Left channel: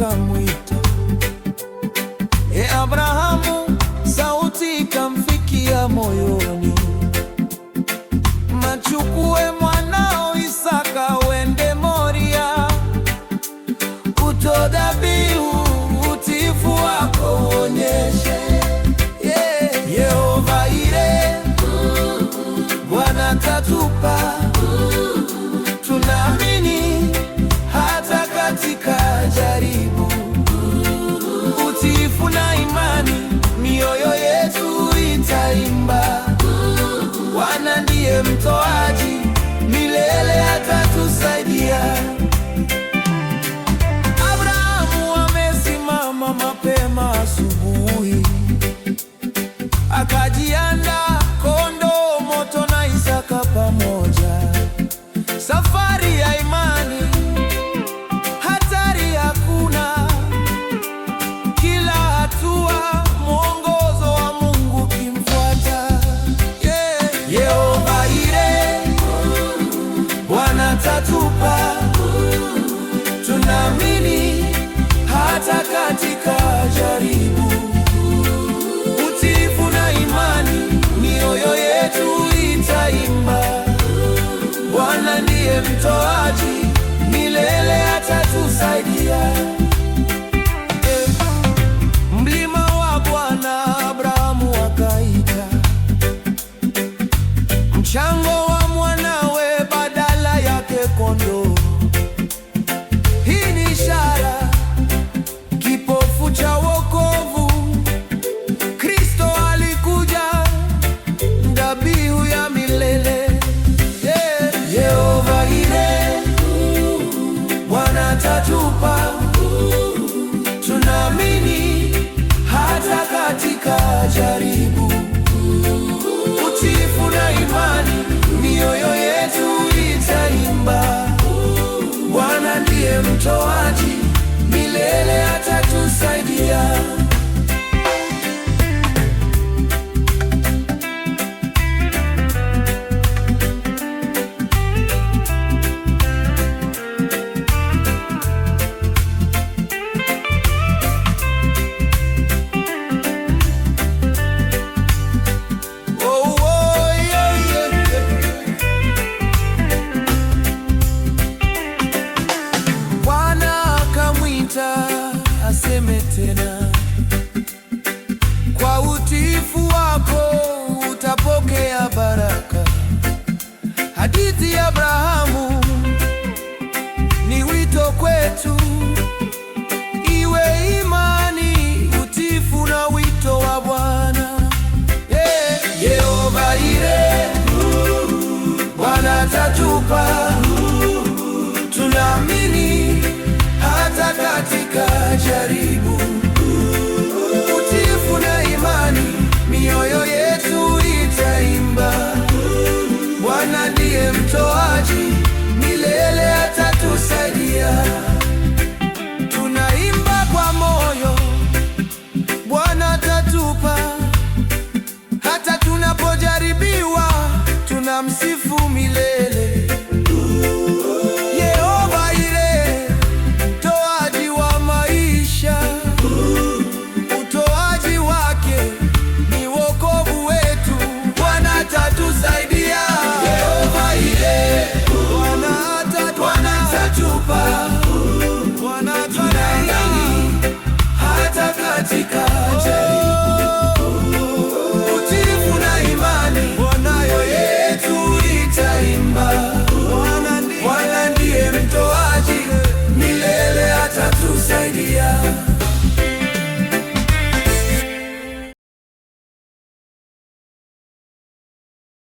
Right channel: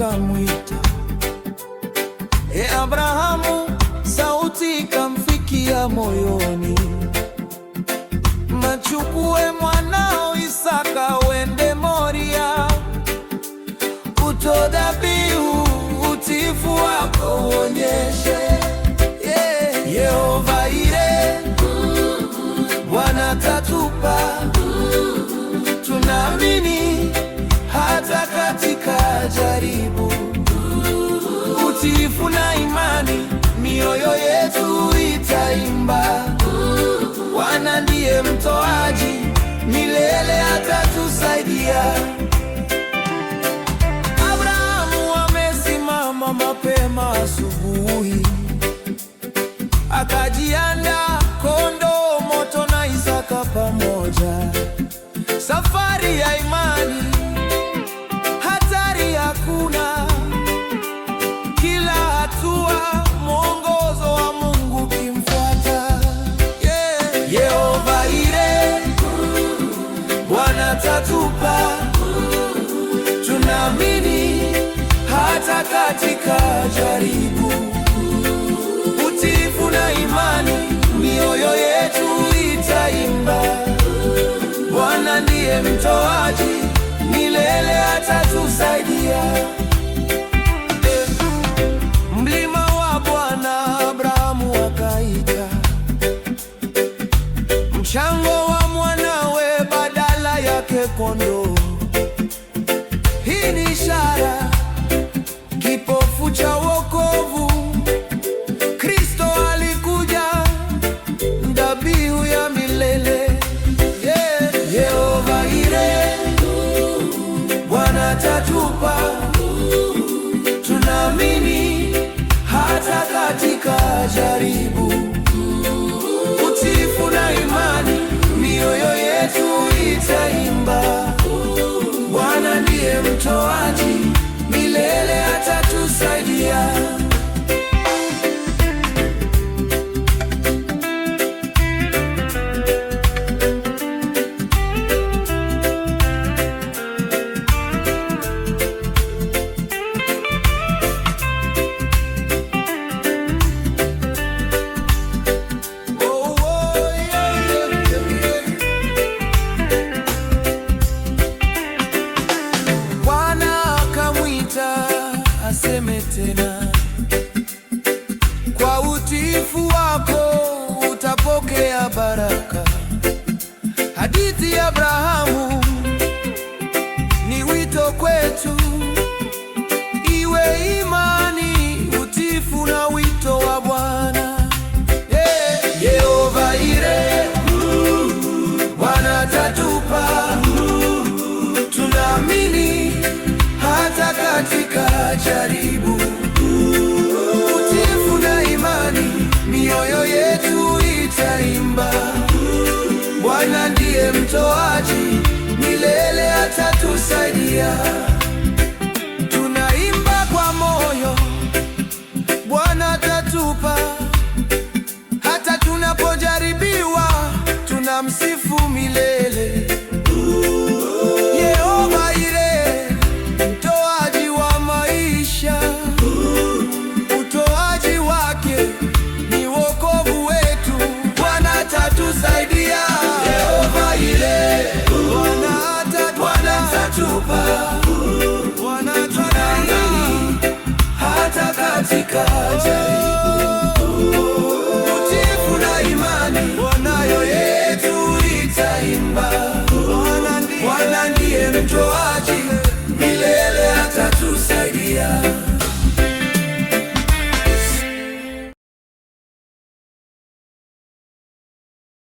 wakamwita. Abrahamu, sauti ikamfikia moyoni, machukue mwanao Isaka uende Moria, utoe dhabihu, utiifu wako uonyeshe. Yehova Ire, Bwana atatupa, tunaamini hata katika jaribu. Utiifu na imani, mioyo yetu itaimba. Bwana ndiye mtoaji, milele atatusaidia. Abrahamu amesimama mapema asubuhi, akajiandaa kondoo moto na Isaka pamoja. Safari ya imani, hatari hakuna. Kila hatua, mwongozo wa Mungu kimfuata. Yehova Ire, Bwana atatupa, tunaamini hata katika jaribu. Utiifu na imani, mioyo yetu itaimba. Bwana ndiye mtoaji, milele atatusaidia. Mlima wa Bwana Abrahamu akaita, mchango wa mwanawe badala yake kondoo. Hii ni ishara, kipofu cha wokovu. Kristo alikuja, dhabihu ya milele. Yehova Ire, Bwana atatupa, tunaamini hata katika jaribu. Utiifu na imani, mioyo yetu itaimba. Bwana ndiye mtoaji, milele atatusaidia. Aseme tena, kwa utiifu wako utapokea baraka. Hadithi ya Abrahamu ni wito kwetu, iwe imani, utiifu na wito wa Bwana. Yehova Ire, Bwana atatupa, tunaamini hata katika jaribu. Utiifu na imani, mioyo yetu itaimba. Bwana ndiye mtoaji, milele atatusaidia. Tunaimba kwa moyo, Bwana atatupa. Hata tunapojaribiwa, tunamsifu milele. Yehova Ire, mtoaji wa maisha. Utoaji wake ni wokovu wetu. Bwana atatusaidia. Yehova Ire, Bwana atatupa. Bwana atatupa hata katika jaribu.